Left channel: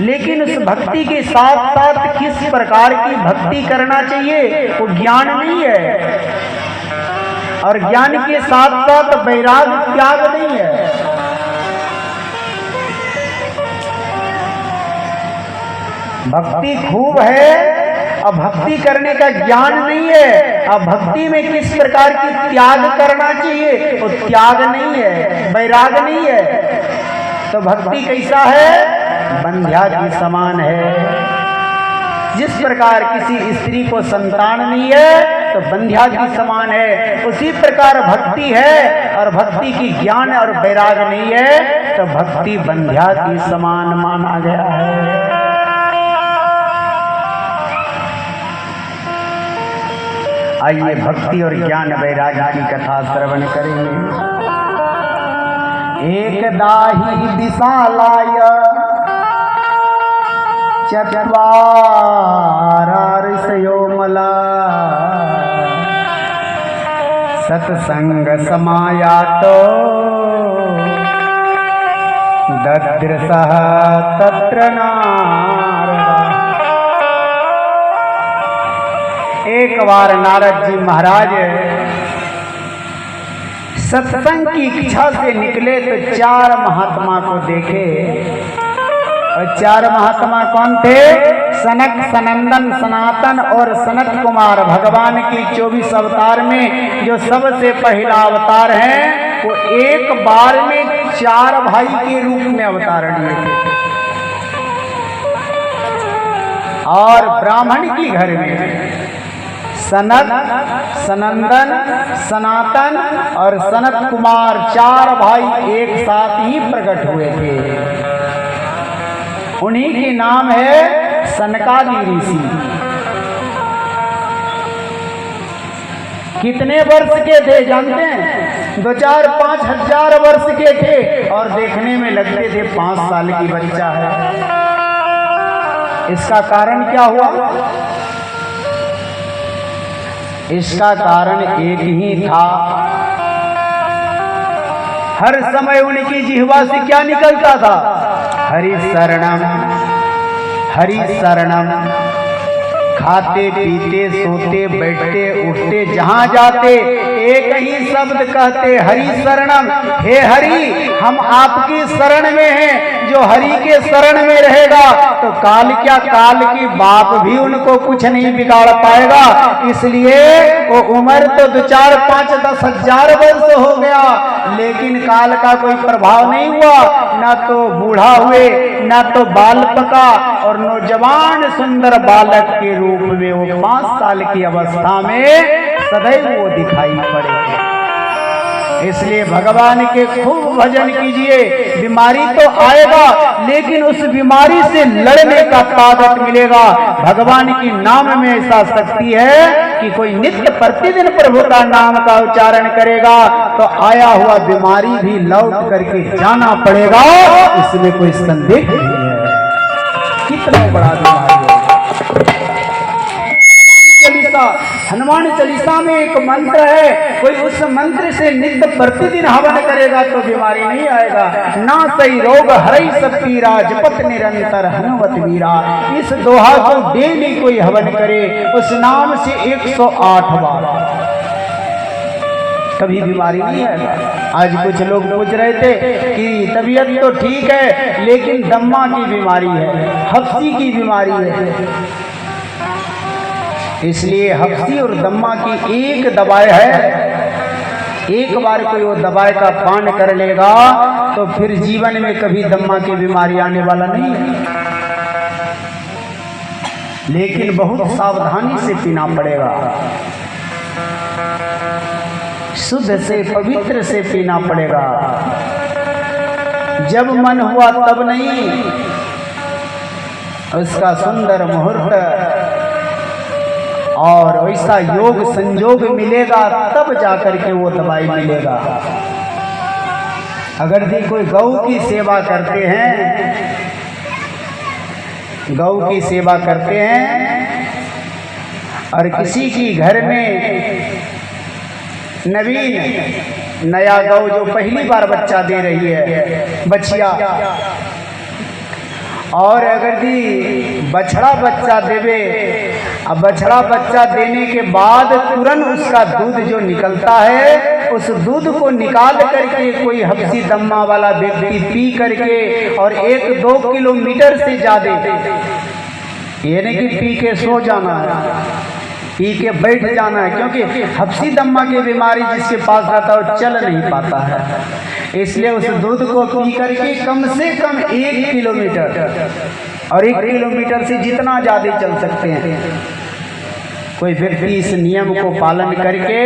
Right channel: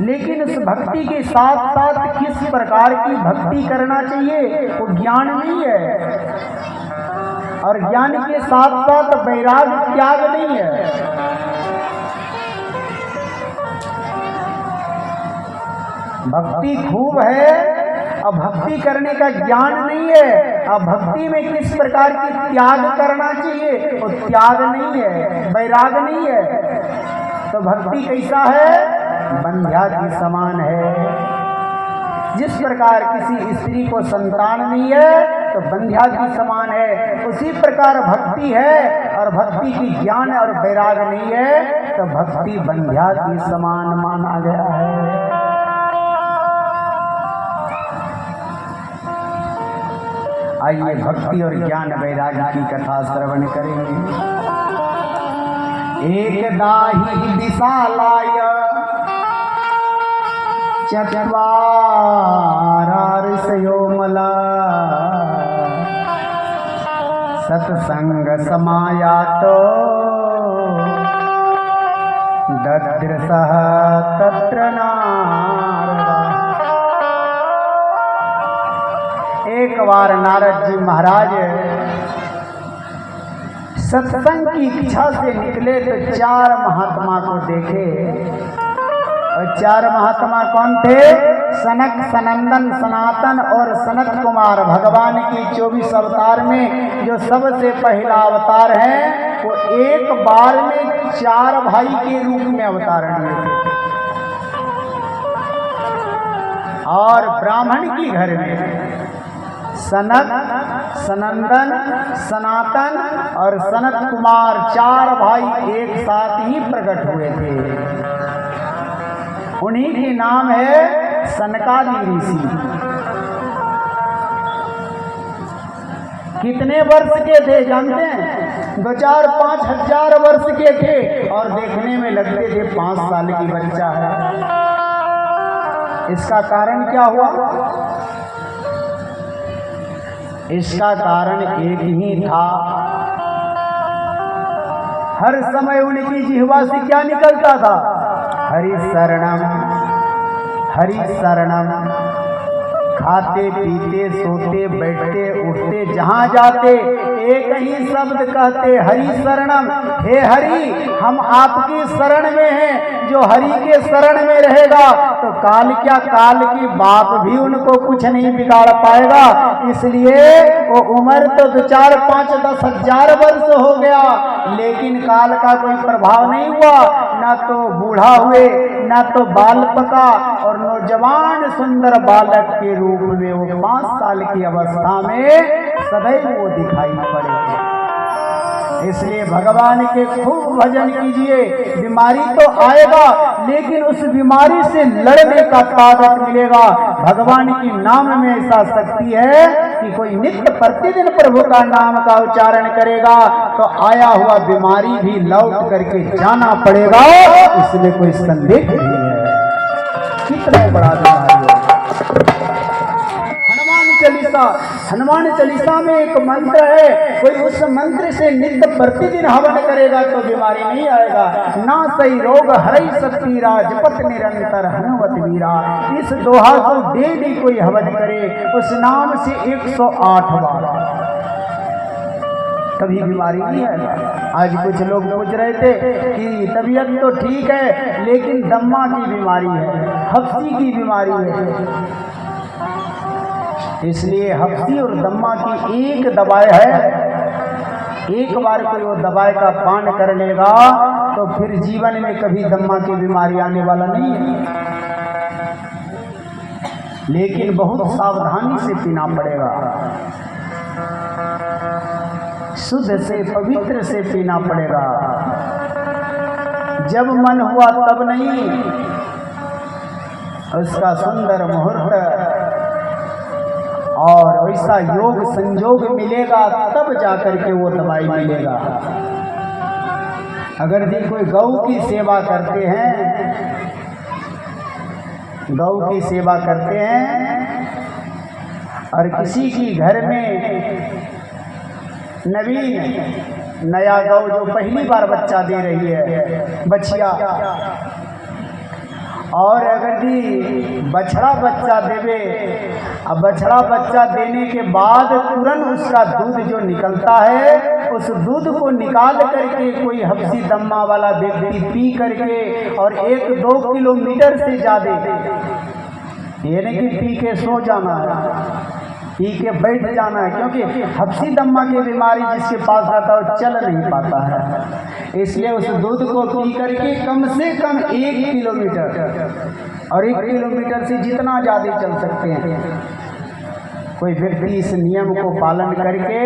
लेकिन उस भक्ति के साथ साथ किस प्रकार की भक्ति करना चाहिए वो ज्ञान नहीं है, और ज्ञान के साथ साथ वैराग त्याग नहीं है। भक्ति खूब है और भक्ति करने का ज्ञान नहीं है। अब भक्ति में किस प्रकार की त्याग करना चाहिए वो त्याग नहीं है, वैराग नहीं है। तो भक्ति कैसा है? बंध्या के समान है। जिस प्रकार किसी स्त्री को संतान नहीं है तो बंध्या के समान है, उसी प्रकार भक्ति है और भक्ति की ज्ञान और वैराग नहीं है तो भक्ति बंध्या के समान माना गया है। आइए भक्ति और ज्ञान वैराग्य की कथा श्रवण करेंगे। एक दाही दिशालाय चत्वार ऋषयोमला सत्संग समायातो ददृशः तत्र नारदा। एक बार नारद जी महाराज सत्संग की इच्छा से निकले तो चार महात्मा को देखे। और चार महात्मा कौन थे? सनक, सनंदन, सनातन और सनत कुमार। भगवान की 24 अवतार में जो सबसे पहला अवतार है वो एक बार में चार भाई के रूप में अवतार लिए थे। और ब्राह्मण की घर में सनक, सनंदन, सनातन और सनत कुमार चार भाई एक साथ ही प्रकट हुए थे। उन्हीं के नाम है सनकादि ऋषि। कितने वर्ष के थे जानते हैं? 2-4-5 हजार वर्ष के थे और देखने में लगते थे 5 साल की बच्चा है। इसका कारण क्या हुआ? इसका कारण एक ही था। हर समय उनकी जिह्वा से क्या निकलता था? हरि शरणम, हरि शरणम। खाते पीते सोते बैठते उठते जहां जाते एक ही शब्द कहते, हरि शरणम। हे हरि, हम आपकी शरण में हैं। जो हरि के शरण में रहेगा तो काल क्या, काल की बाप भी उनको कुछ नहीं बिगाड़ पाएगा। इसलिए वो उम्र तो 2-4-5-10 हजार वर्ष हो गया लेकिन काल का कोई प्रभाव नहीं हुआ। ना तो बूढ़ा हुए, ना तो बाल पका, और नौजवान सुंदर बालक के रूप में वो 5 साल की अवस्था में सदैव वो दिखाई पड़े। इसलिए भगवान के खूब भजन कीजिए। बीमारी तो आएगा लेकिन उस बीमारी से लड़ने का ताकत मिलेगा। भगवान की नाम में ऐसा शक्ति है कि कोई नित्य प्रतिदिन प्रभु का नाम का उच्चारण करेगा तो आया हुआ बीमारी भी लौट करके जाना पड़ेगा। इसमें कोई संदेह नहीं है। कितना बड़ा बीमारी है। हनुमान चालीसा में एक मंत्र है, कोई उस मंत्र से नित्य प्रतिदिन हवन करेगा तो बीमारी नहीं आएगा। ना सही रोग हरई सब पीरा, जपत निरंतर हनुमत वीरा। इस दोहा को डेली कोई हवन करे उस नाम से 108 बार, कभी बीमारी नहीं आएगा। आज कुछ लोग पूछ रहे थे कि तबीयत तो ठीक है लेकिन दम्मा की बीमारी है, हफ्सी की बीमारी है। इसलिए हफ्सी और दम्मा की एक दवाई है। एक बार कोई वो दवाई का पान कर लेगा तो फिर जीवन में कभी दम्मा की बीमारी आने वाला नहीं है। लेकिन बहुत सावधानी से पीना पड़ेगा, शुद्ध से पवित्र से पीना पड़ेगा। जब मन हुआ तब नहीं, उसका सुंदर मुहूर्त और वैसा योग संयोग मिलेगा तब जाकर के वो दवाई मिलेगा। अगर जी कोई गौ की सेवा करते हैं, गौ की सेवा करते हैं और किसी की घर में नवीन नया गौ जो पहली बार बच्चा दे रही है, बछिया, और अगर दी बछड़ा बच्चा देवे, अब बछड़ा बच्चा देने के बाद तुरंत उसका दूध जो निकलता है, उस दूध को निकाल करके कोई हफ्सी दम्मा वाला व्यक्ति पी करके और 1-2 किलोमीटर से ज्यादा, ये नहीं कि पी के सो जाना है, पी के बैठ जाना है, क्योंकि हफ्सी दम्मा की बीमारी जिसके पास रहता है वो चल नहीं पाता है। इसलिए उस दूध को पी करके कम से कम 1 किलोमीटर, और 1 किलोमीटर से जितना ज़्यादा चल सकते हैं, कोई व्यक्ति इस नियम को पालन करके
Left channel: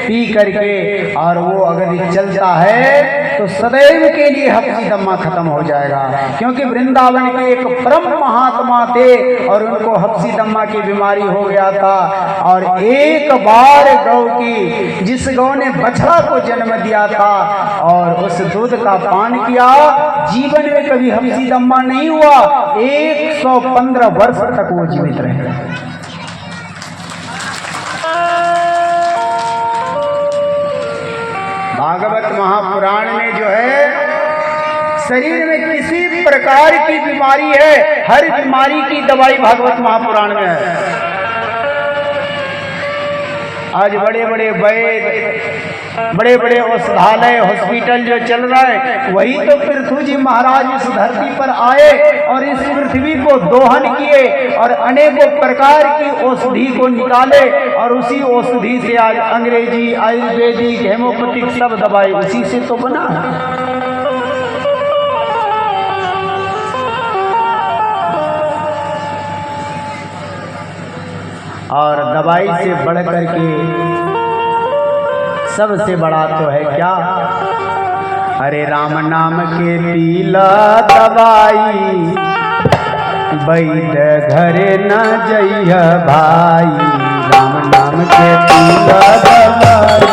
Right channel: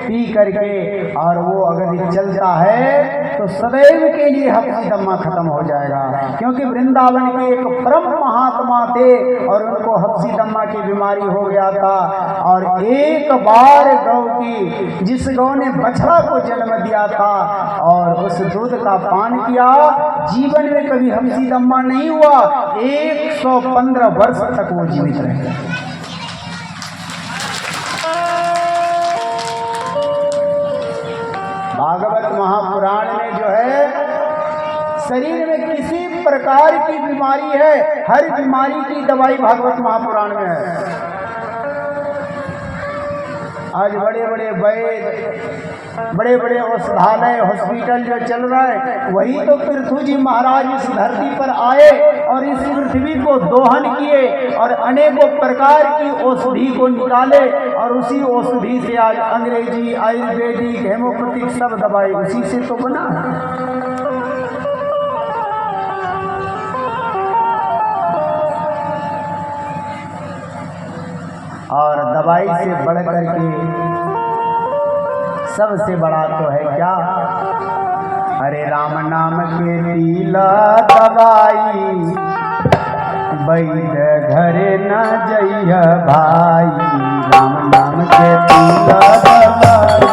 पी करके और वो अगर चलता है तो सदैव के लिए हफ्सी दम्मा खत्म हो जाएगा। क्योंकि वृंदावन के एक परम महात्मा थे और उनको हफ्सी दम्मा की बीमारी हो गया था, और एक बार गौ की, जिस गौ ने बछड़ा को जन्म दिया था और उस दूध का पान किया, जीवन में कभी हफ्सी दम्मा नहीं हुआ, 115 वर्ष तक वो जीवित रहे। भागवत महापुराण में जो है, शरीर में किसी प्रकार की बीमारी है, हर बीमारी की दवाई भागवत महापुराण में है। आज बड़े बड़े वैद्य, बड़े बड़े औषधालय, हॉस्पिटल जो चल रहा है, वही तो पृथ्वी जी महाराज इस धरती पर आए और इस पृथ्वी को दोहन किए और अनेकों प्रकार की औषधि को निकाले, और उसी औषधि से आज अंग्रेजी, आयुर्वेदिक, हेमोपैथिक सब दवाई उसी से तो बना है। और दवाई से बढ़ करके सबसे बड़ा तो है क्या, अरे राम नाम के पीला दवाई, वैद्य घरे न जइह भाई। राम नाम के पीला दवाई,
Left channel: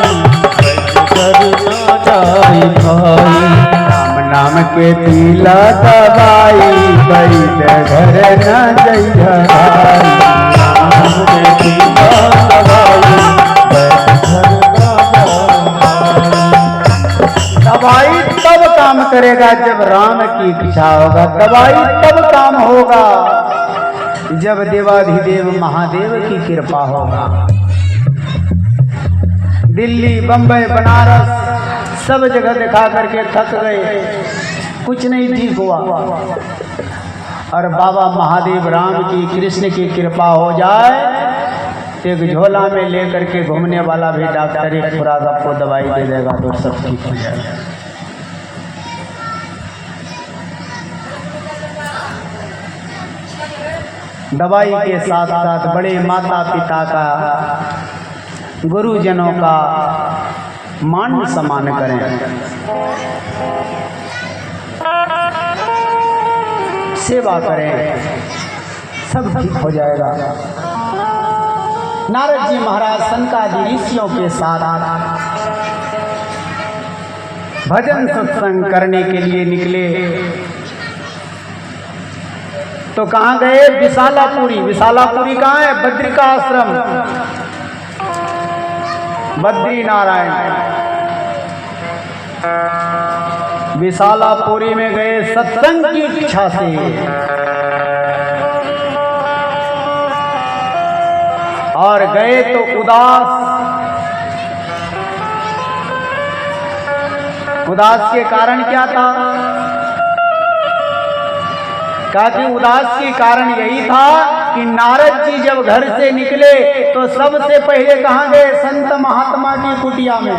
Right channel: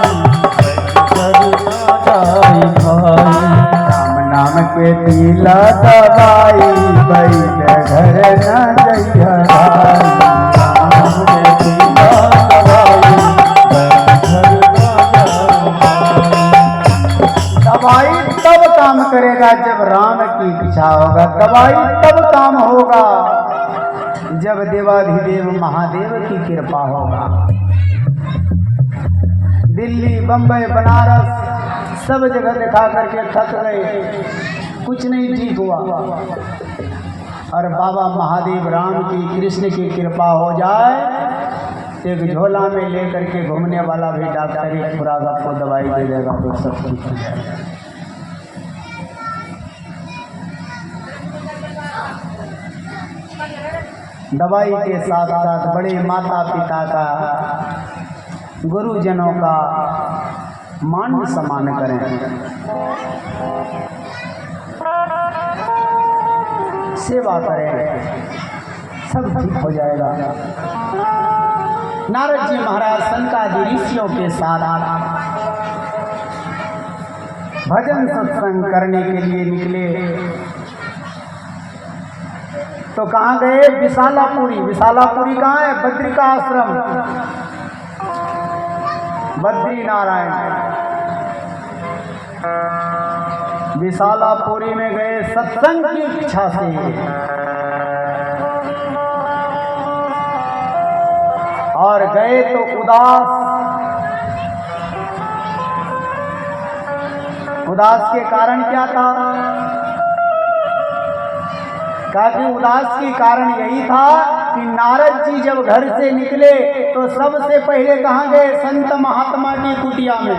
वैद्य न जाई भाई। राम नाम के पीला दवाई, वैद्य घरे न जइह भाई। दवाई तब काम करेगा जब राम की इच्छा होगा, दवाई तब काम होगा जब देवाधिदेव महादेव की कृपा होगा। दिल्ली, बंबई, बनारस सब जगह दिखा करके थक गए, कुछ नहीं ठीक हुआ, और बाबा महादेव राम की, कृष्ण की कृपा हो जाए, एक झोला में लेकर के घूमने वाला भी डॉक्टर एक खुराक आपको दवाई दे देगा तो सब ठीक हो जाएगा। दवाई के साथ साथ बड़े माता पिता का, गुरुजनों का मान सम्मान करें, सेवा करें, सब ठीक हो जाएगा। नारद जी महाराज संकादि ऋषियों के साथ भजन सत्संग करने के लिए निकले तो कहाँ गए, विशालापुरी। विशालापुरी कहाँ है, बद्री का आश्रम, बद्री नारायण। विशालापुरी में गए सत्संग की इच्छा से, और गए तो उदास के कारण क्या था, कहा कि उदास के कारण यही था कि नारद जी जब घर से निकले तो सबसे पहले कहाँ गए, संत महात्मा की कुटिया में,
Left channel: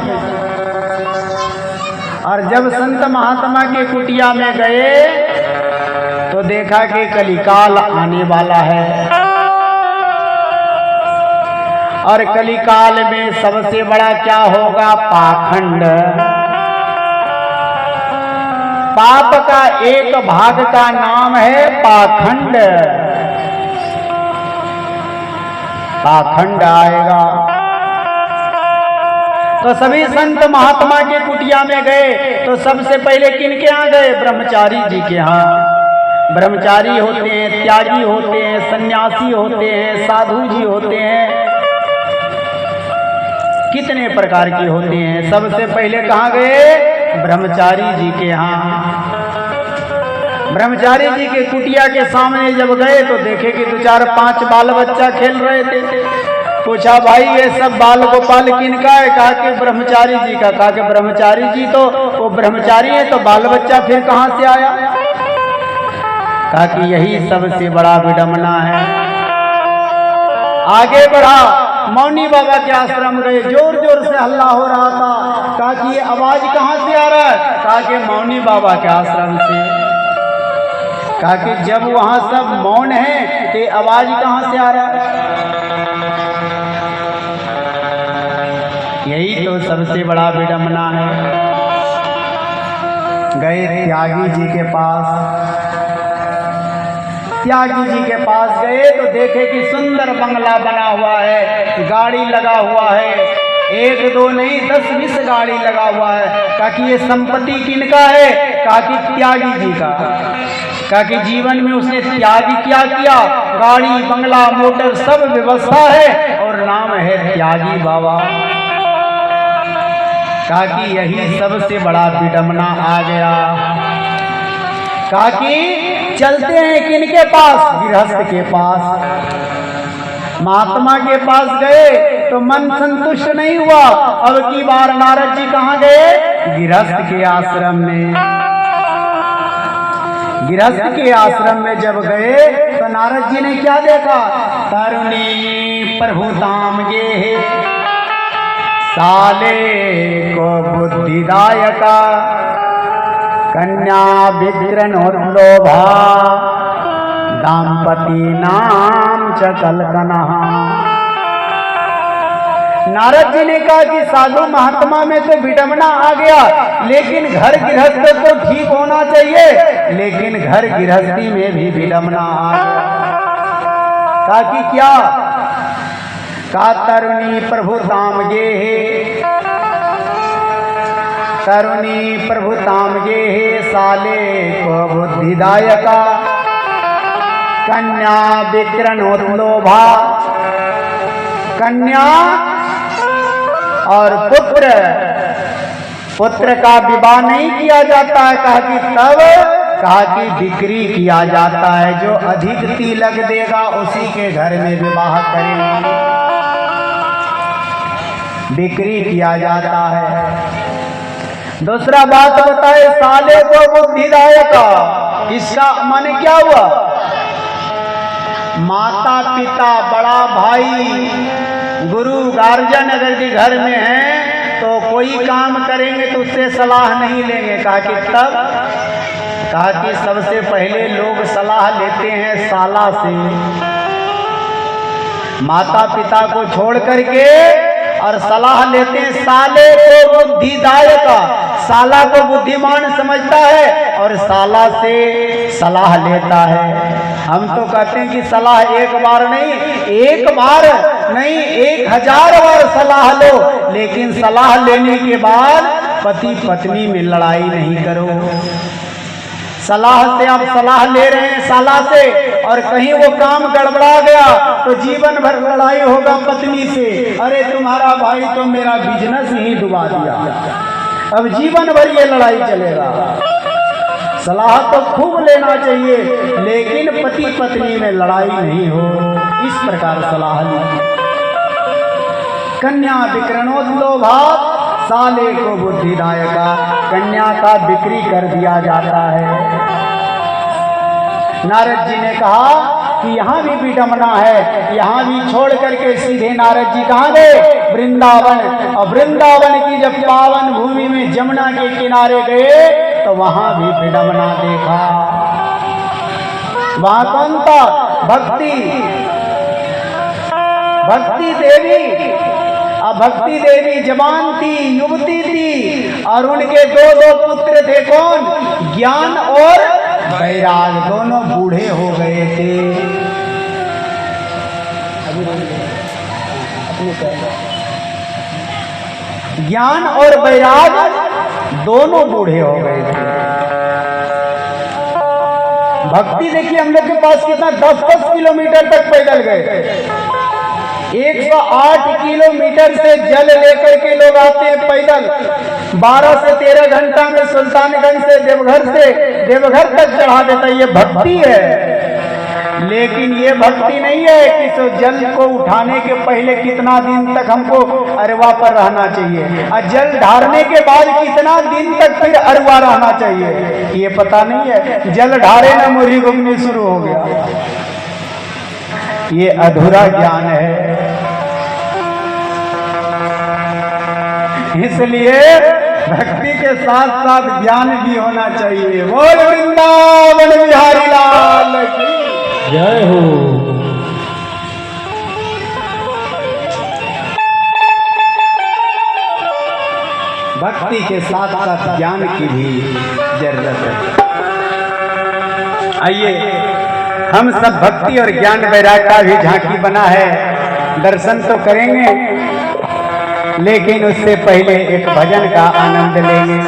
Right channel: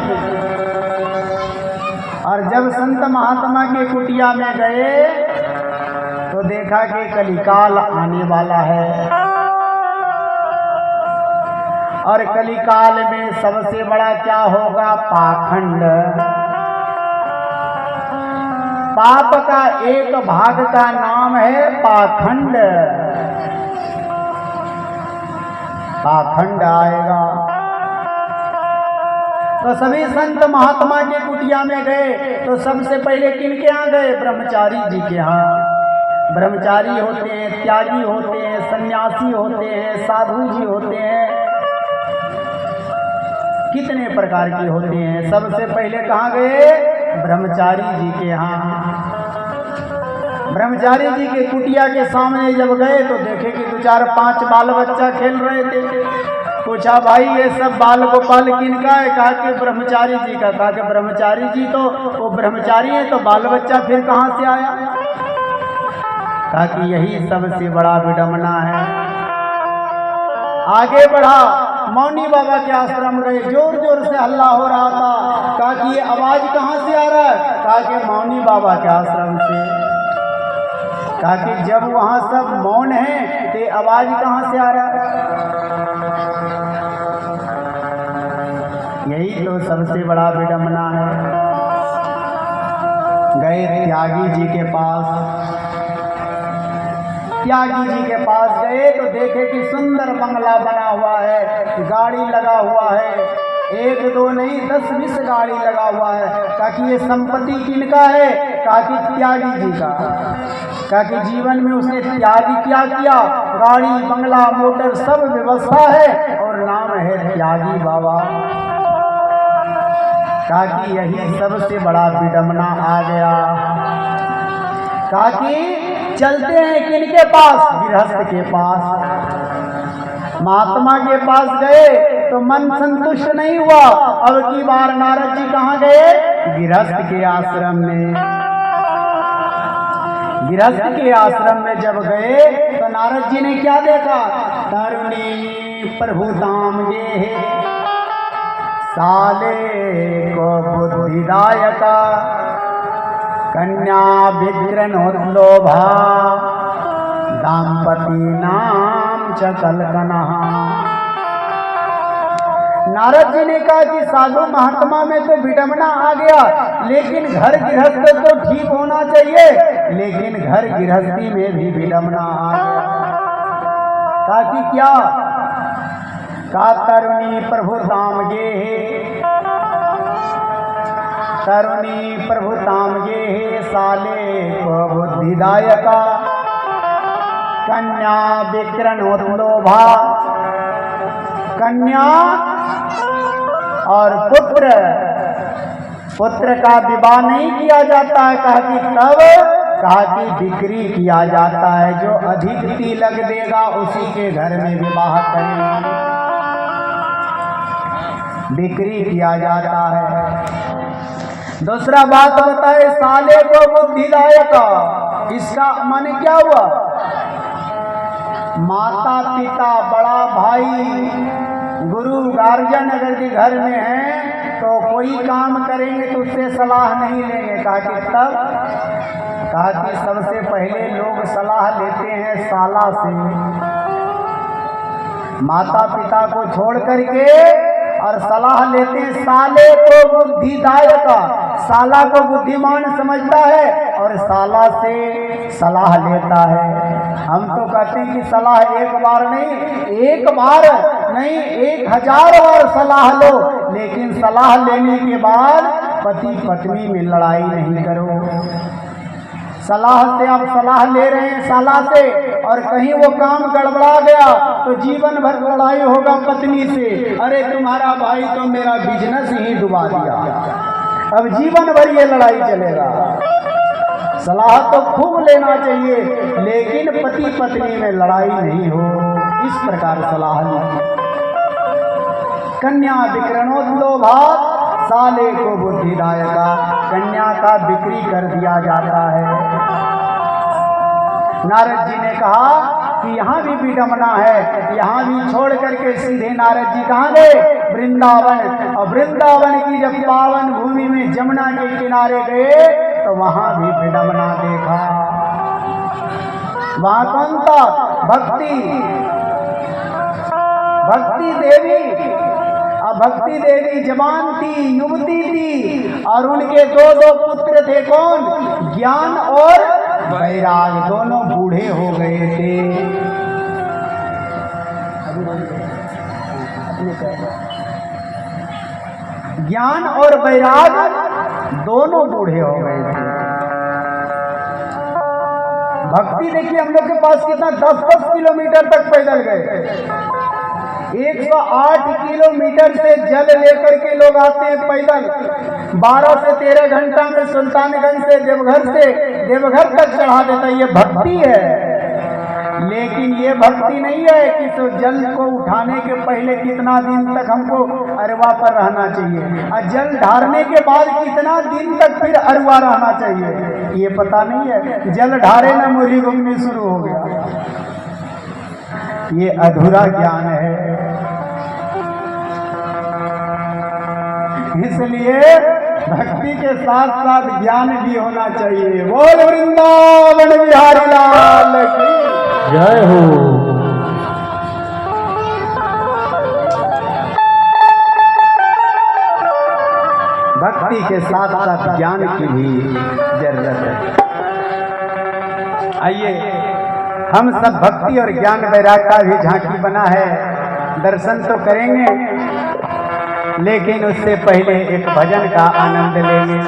और जब संत महात्मा की कुटिया में गए तो देखा कि कलिकाल आने वाला है, और कलिकाल में सबसे बड़ा क्या होगा, पाखंड। पाप का एक भाग का नाम है पाखंड। पाखंड आएगा तो सभी संत महात्मा के कुटिया में गए तो सबसे पहले किनके यहाँ गए, ब्रह्मचारी जी के यहाँ। ब्रह्मचारी होते हैं, त्यागी होते हैं, सन्यासी होते हैं, साधु जी होते हैं, कितने प्रकार की होती हैं। सबसे पहले कहाँ गए? ब्रह्मचारी जी के यहाँ। ब्रह्मचारी जी के कुटिया के सामने जब गए तो देखे कि 2 4 5 बाल बच्चा खेल रहे थे। पूछा भाई ये सब बाल गोपाल किनका है? कहा कि ब्रह्मचारी जी का। कहा कि ब्रह्मचारी जी तो वो ब्रह्मचारी है, तो बाल बच्चा फिर कहाँ से आया? कहा कि यही सबसे बड़ा विडंबना है। आगे बढ़ा, मौनी बाबा के आश्रम गए, जोर जोर से हल्ला हो रहा था। कहा कि ये आवाज कहाँ से आ रहा है? कहा कि मौनी बाबा के आश्रम से। कहा कि जब वहां सब मौन है तो आवाज कहां से आ रहा है? यही तो सबसे बड़ा विडंबना है। गए त्यागी जी के पास। त्यागी जी के पास गए तो देखे कि सुंदर बंगला बना हुआ है, गाड़ी लगा हुआ है, 1 2 नहीं 10 20 गाड़ी लगा हुआ है। कहा कि ये संपत्ति किनका है? कहा कि त्यागी जी का। कहा कि जीवन में उसने त्याग क्या किया? गाड़ी बंगला मोटर सब व्यवस्था है और नाम है त्यागी बाबा। कहा कि यही सबसे बड़ा विडंबना आ गया। कहा कि चलते हैं किनके पास? गृहस्थ के पास। महात्मा के पास गए तो मन संतुष्ट नहीं हुआ। अब की बार नारद जी कहाँ गए? गृहस्थ के आश्रम में। गृहस्थ के आश्रम में जब गए तो नारद जी ने क्या देखा? तरुणी प्रभु धाम गे साले को बुद्धिदायका कन्या विग्रहोर्लोभा दाम्पति नाम च कलकना। नारद जी ने कहा कि साधु महात्मा में तो विडंबना आ गया, लेकिन घर गृहस्थ तो ठीक होना चाहिए, लेकिन घर गृहस्थी में भी विडंबना आ गया। कहा कि क्या? का तरुणी प्रभु धाम गे तरुणी प्रभु धाम गे साले को बुद्धिदायका कन्या विग्रहोर्लोभा। कन्या और पुत्र का विवाह नहीं किया जाता है। कहा कि तब कहा कि बिक्री किया जाता है, जो अधिक तिलक देगा उसी के घर में विवाह करेंगे, बिक्री किया जाता है। दूसरा बात बताए साले को बुद्धिदायका, इसका मन क्या हुआ? माता पिता बड़ा भाई गुरु गार्जियन अगर जी घर में है तो कोई काम करेंगे तो उससे सलाह नहीं लेंगे। कहा कि तब कहा कि सबसे पहले लोग सलाह लेते हैं साला से। माता पिता को छोड़ करके और सलाह लेते हैं साले को बुद्धिदायक। साला को बुद्धिमान समझता है और साला से सलाह लेता है। हम तो कहते हैं कि सलाह एक बार नहीं, 1000 बार सलाह लो, लेकिन सलाह लेने के बाद पति पत्नी में लड़ाई नहीं करो। सलाह से आप सलाह ले रहे हैं साला से और कहीं वो काम गड़बड़ा गया तो जीवन भर लड़ाई होगा पत्नी से। अरे तुम्हारा भाई तो मेरा बिजनेस ही डुबा दिया, अब जीवन भर ये लड़ाई चलेगा। सलाह तो खूब लेना चाहिए, लेकिन पति पत्नी में लड़ाई नहीं हो, इस प्रकार सलाह लीजिए। कन्या विक्रमोद्लोभात साले को बुद्धिदायका, कन्या का बिक्री कर दिया जाता है। नारद जी ने कहा कि यहाँ भी विडंबना है, यहाँ भी छोड़ करके सीधे नारद जी कहाँ गए? वृंदावन। और वृंदावन की जब पावन भूमि में जमुना के किनारे गए तो वहां भी विडंबना देखा। वहां कौन था? भक्ति देवी। अब भक्ति देवी जवान थी, युवती थी और उनके 2 पुत्र थे। कौन? ज्ञान और वैराग, दोनों बूढ़े हो गए थे। ज्ञान और वैराग दोनों बूढ़े हो गए थे। भक्ति देखिए हम लोग के पास कितना 10-10 किलोमीटर तक पैदल गए। 108 किलोमीटर से जल लेकर के लोग आते हैं पैदल। 12 से 13 घंटा में सुल्तानगंज से देवघर तक चढ़ा देता है। ये भक्ति है। लेकिन ये भक्ति नहीं है कि तो जल को उठाने के पहले कितना दिन तक हमको अरवा पर रहना चाहिए और जल ढारने के बाद कितना दिन तक फिर अरवा रहना चाहिए, ये पता नहीं है। जल ढारे न मुरही घूमनी शुरू हो गया। ये अधूरा ज्ञान है। इसलिए भक्ति के साथ साथ ज्ञान भी होना चाहिए। बोल वृंदावन बिहारी लाल की जय हो। भक्ति के साथ साथ ज्ञान की भी जरूरत है। आइए हम सब भक्ति और ज्ञान वैराग्य का भी झांकी बना है, दर्शन तो करेंगे लेकिन उससे पहले एक भजन का आनंद लेंगे।